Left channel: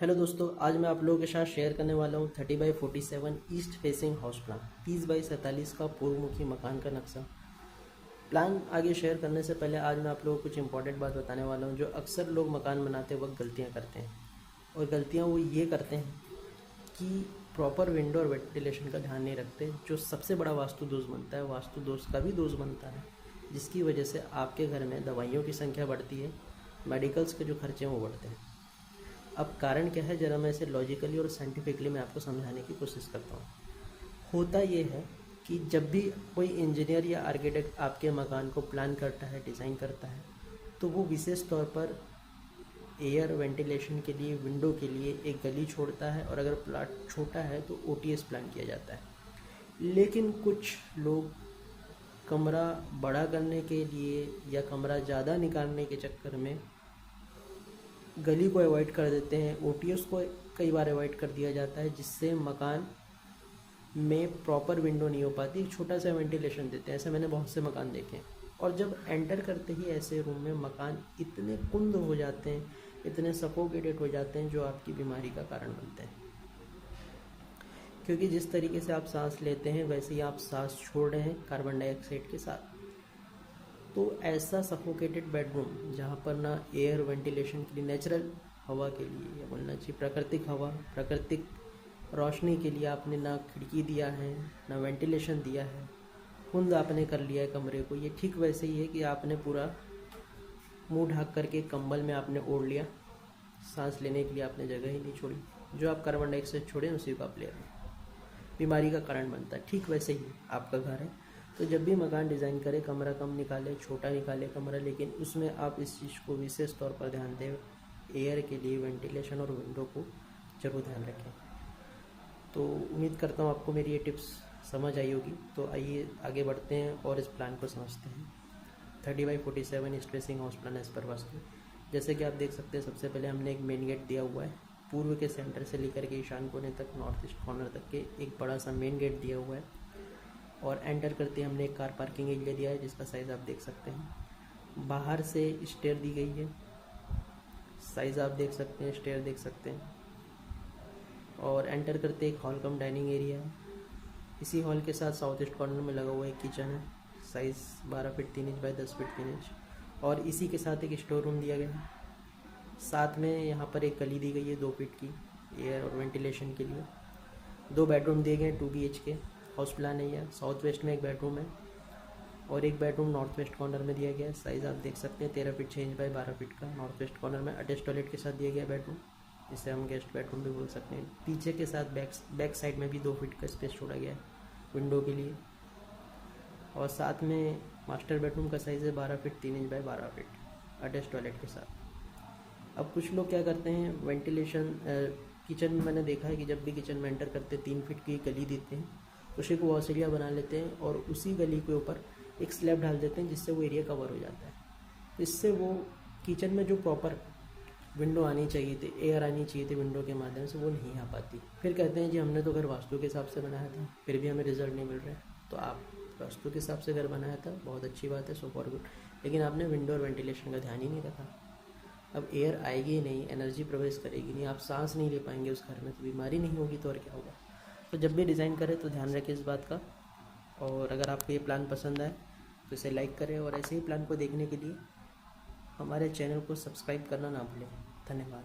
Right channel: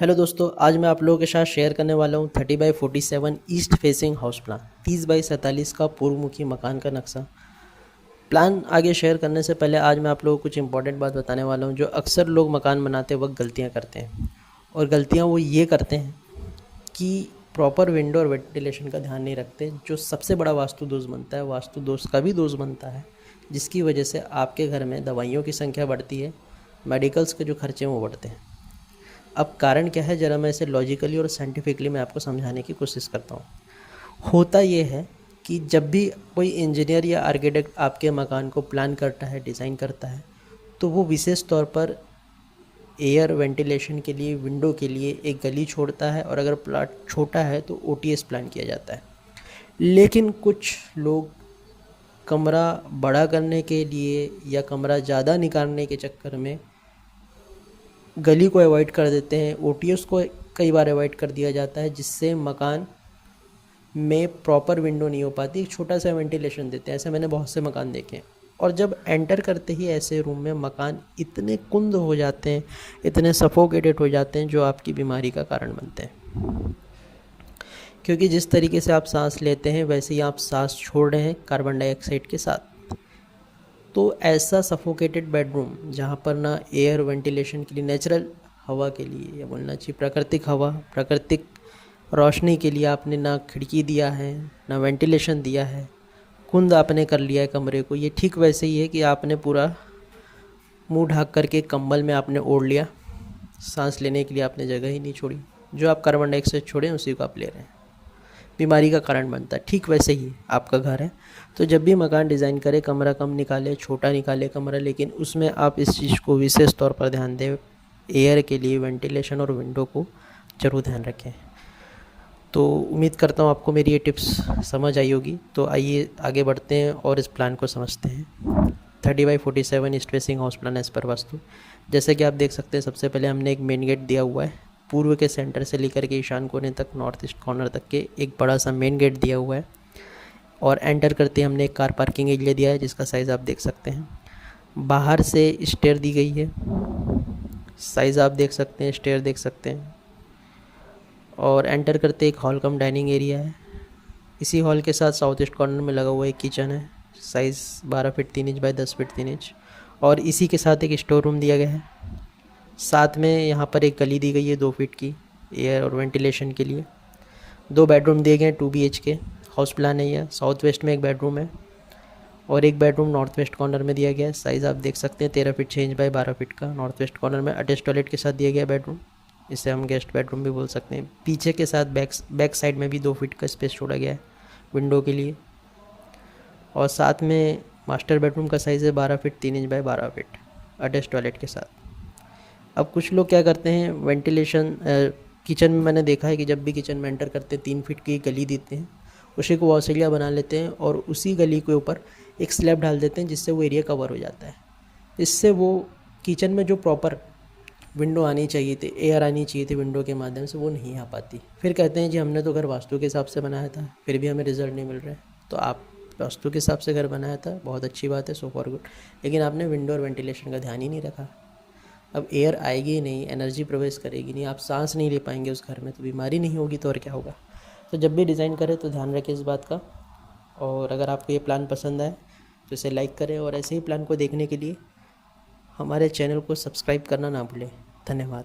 Hello दोस्तों, आज मैं आप लोगों के साथ शेयर करने वाला हूँ 30/47 ईस्ट फेसिंग हाउस प्लान 30/47 का पूर्वमुखी मकान का नक्शा। प्लान आगे शेयर करने से पहले आज मैं आप लोगों को कुछ इंपॉर्टेंट बात बताने वाला हूँ जो अक्सर लोग मकान बनाते वक्त गलतियाँ करते हैं। और गलतियाँ वो ये करते हैं कि प्रॉपर विंडो और वेंटिलेशन का ध्यान नहीं रखते, जो सबसे बड़ा वास्तु दोष बनता है। वास्तु दोष का भी दोष बनता है, जिसकी वजह से आपके घर में दवाइयों की संख्या बढ़ती है, मेडिकल्स के जो खर्चे हैं वो बढ़ते हैं। अब कारण क्या है, ज़रा मैं इसे लॉजिकली और साइंटिफिकली मैं आपको समझाने की कोशिश करता हूँ। होता ये है कि जब भी कोई इंजीनियर या आर्किटेक्ट आपके मकान को प्लान करता है, डिज़ाइन करता है, तो वो विशेष तौर पर एयर वेंटिलेशन के लिए, विंडो के लिए एक गली छोड़ता है, और अगर प्लाट छोटा है तो ओटीएस प्लान किया जाता है। लेकिन कुछ लोग कमरा बड़ा करने के लिए या कमरा ज़्यादा निकालने के चक्कर में गली को अवॉइड कर देते हैं, ओटीएस को कई बार अवॉइड कर दिया जाता है, जिससे मकान में प्रॉपर विंडो नहीं हो पाती, एक छोटा सा वेंटिलेशन देते हैं। ऐसे मैंने बहुत से मकान देखे हैं। और जब एंटर करते ही ऐसे रूम में मकान इतने कुंद हो जाते हैं, इतने सफोकेटेड हो जाते हैं, जो आपकी बीमारी का कारण बनते हैं। क्योंकि जिस तरीके से आप सांस लेते हैं वैसे ही आप सांस छोड़ रहे हैं कार्बन डाइऑक्साइड के साथ। तो ऐसा सफोकेटेड बेडरूम जहाँ पर ना एयर वेंटिलेशन के लिए, नेचुरल हवा के लिए, या बोलना चाहिए प्राकृतिक हवा, प्राकृतिक रोशनी के लिए आपने ना खिड़की दिया है, ना वेंटिलेशन दिया है, कुंद आपने कर लिया है कमरे को। ये ठीक वैसे ही है कि आपने पूरा मुंह ढक करके कंबल में आपने ओढ़ लिया, सांस लेने के लिए आपने जगह ही नहीं छोड़ी। जो आप कार्बन डाइऑक्साइड छोड़ें उसी को आप ले रहे हैं, बीमारी का कारण बनता है। ठीक वैसे ही आपका घर है, तो जब भी मकान डिज़ाइन करें, कमरा कम निकाले, छोटा निकाले कमरा, लेकिन उसमें आप इस चीज़ को विशेष तौर पर ध्यान दें, एयर के लिए वेंटिलेशन और विंडो को ज़रूर ध्यान रखें। तो उम्मीद करता हूँ आपको मेरी ये टिप्स समझ आई होगी। तो आइए आगे बढ़ते हैं और इस प्लान को समझते हैं। 30/47 east facing house plan as per vastu. जैसे कि आप देख सकते हैं, सबसे पहले हमने एक मेन गेट दिया हुआ है। पूर्व के सेंटर से लेकर के ईशान कोने तक, नॉर्थ ईस्ट कॉर्नर तक के एक बड़ा सा मेन गेट दिया हुआ है। और एंटर करते हमने एक कार पार्किंग एरिया दिया है, जिसका साइज़ आप देख सकते हैं। बाहर से स्टेयर दी गई है, साइज़ आप देख सकते हैं, स्टेयर देख सकते हैं। और एंटर करते एक हॉल कम डाइनिंग एरिया है। इसी हॉल के साथ साउथ ईस्ट कॉर्नर में लगा हुआ एक किचन है, size 12 feet 3 inch by 10 feet 3 inch. और इसी के साथ एक स्टोर रूम दिया गया है। साथ में यहाँ पर एक गली दी गई है 2 फीट की, एयर और वेंटिलेशन के लिए। 2 बेडरूम दिए गए हैं 2 BHK हाउस प्लान है यह। साउथ वेस्ट में एक बेडरूम है और एक बेडरूम नॉर्थ वेस्ट कॉर्नर में दिया गया है। साइज़ आप देख सकते हैं 13 फीट 6 इंच बाय 12 फीट का। नॉर्थ वेस्ट कॉर्नर में अटैच टॉयलेट के साथ दिया गया बेडरूम, इसे हम गेस्ट बेडरूम भी बोल सकते हैं। पीछे के साथ बैक साइड में भी 2 फीट का स्पेस छोड़ा गया है विंडो के लिए। और साथ में मास्टर बेडरूम का साइज़ है 12 feet 3 inch by 12 feet attach toilet के साथ। अब कुछ लोग क्या करते हैं, वेंटिलेशन किचन में मैंने देखा है कि जब भी किचन में एंटर करते हैं 3 फीट की गली देते हैं, उसी को वॉशेरिया बना लेते हैं और उसी गली के ऊपर एक स्लैब डाल देते हैं, जिससे वो एरिया कवर हो जाता है। इससे वो किचन में जो प्रॉपर विंडो आनी चाहिए थी, एयर आनी चाहिए थी विंडो के माध्यम से, वो नहीं आ पाती। फिर कहते हैं जी हमने तो घर वास्तु के हिसाब से बनाया था, फिर भी हमें रिजल्ट नहीं मिल रहा है। तो आप वास्तु के हिसाब से घर बनाया था, बहुत अच्छी बात है, सो फॉर गुड, लेकिन आपने विंडो और वेंटिलेशन का ध्यान ही नहीं रखा। अब एयर आएगी ही नहीं, एनर्जी प्रवेश करेगी नहीं, आप सांस नहीं ले पाएंगे उस घर में, तो बीमारी नहीं होगी तो और क्या होगा। तो जब भी डिज़ाइन करें तो ध्यान रखें इस बात का। और अगर आपको ये प्लान पसंद आए तो इसे लाइक करें, और ऐसे ही प्लान को देखने के लिए हमारे चैनल को सब्सक्राइब करना ना भूलें। धन्यवाद।